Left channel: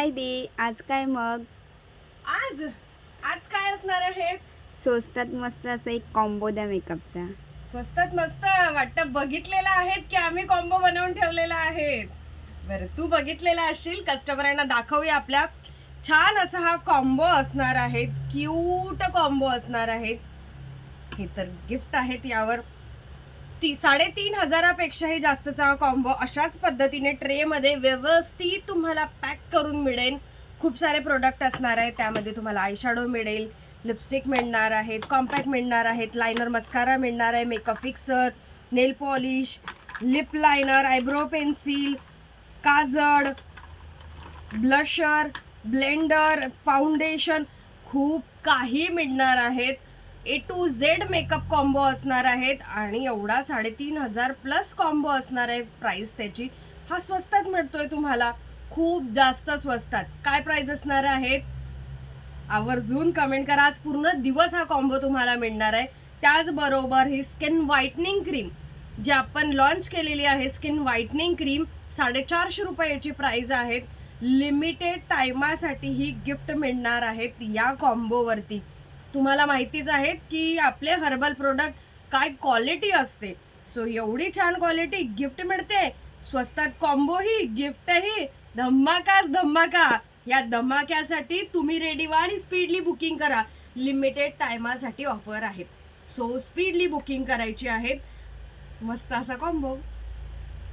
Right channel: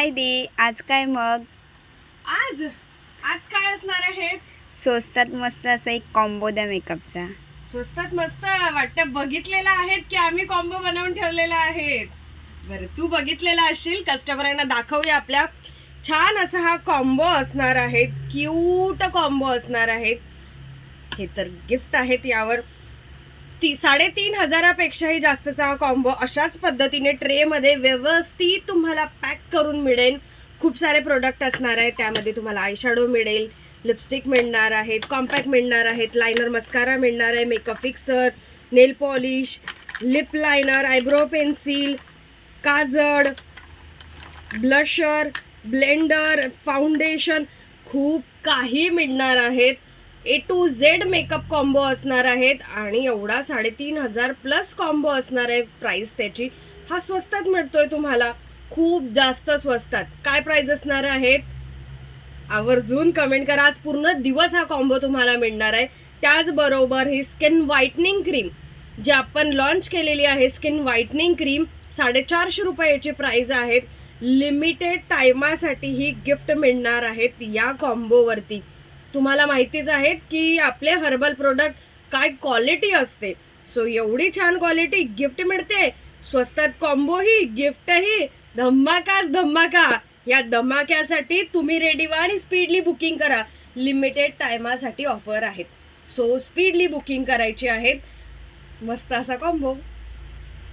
काय दे आज काय मग? आज आज काय असणार आहे? स्वस्तात मस्त असा एक कॉम्बो द्या मेकअपचा. स्वस्तात मस्त वाटतं. बघितलेला आहेत की आम्ही कॉम्बो बनवून ठेवलेला आहे. बरं, तू बघितलेला असशील. कस्टमरांना दाखवूया आपल्या. छान असा हा कॉम्बो असणार आहे. क्यूट कॉम्बो असणार आहे. हे तर गिफ्ट आहेत. यावर 3,500पेक्षाही जास्तचा कॉम्बो अशाच पद्धतीने ट्रे मध्ये व्यवस्थित तुम्हाला पॅक करून मिळेल. खूप सारे प्रोडक्ट असणार आहेत. त्यामध्ये तुम्हाला आय शॅडो मिळेल, लिपस्टिक मिळणार आहेत, कॉम्पॅक्ट मिळणार आहेत, लायनर मस्कारा मिळणार आहे, makeup fixer, nail polish, lip liner, eyebrow pencil, काजळ, ब्लशर, ब्लेंडर, फाउंडेशन, खूप काही मिळणार आहेत. A to Z makeup combo असणार आहेत आणि एवढा 3,500 प्लस कॉम्बो असणार आहे. प्राइस त्याची हा स्वस्तात मिळतोय तुम्हाला, खूप जास्त स्वस्तात. काय प्राइस असणार आहेत आवर्जून कमेंट करा. आज पूर्ण दिवस हा कॉम्बो तुम्हाला मिळणार आहे. त्याचबरोबर ही स्किन व्हाईटनिंग क्रीम जी आपण लॉन्च केलेली आहे, स्किन व्हाईटनिंग क्रीम 450 रुपयाची प्राइस आहेत. लिमिटेड टाइमासाठी ही गिफ्ट मिळणार आहेत या कॉम्बोवरती. तुम्हाला माहितीच आहेत की आपले हर्बल प्रोडक्ट काय क्वालिटी असते. सो एवढी छान क्वालिटी गिफ्ट मिळते स्वस्तात. कॉम्बोही गिफ्टही धमाकाच धमाका. या धमाक्यासाठी तुम्ही रेडी व्हा आणि स्पीडली बुकिंग करा. लिमिटेड टाइमासाठी ऑफर आहेत. सो स्पीडली बुकिंग करायची आहे. मस्त असा कॉम्बो.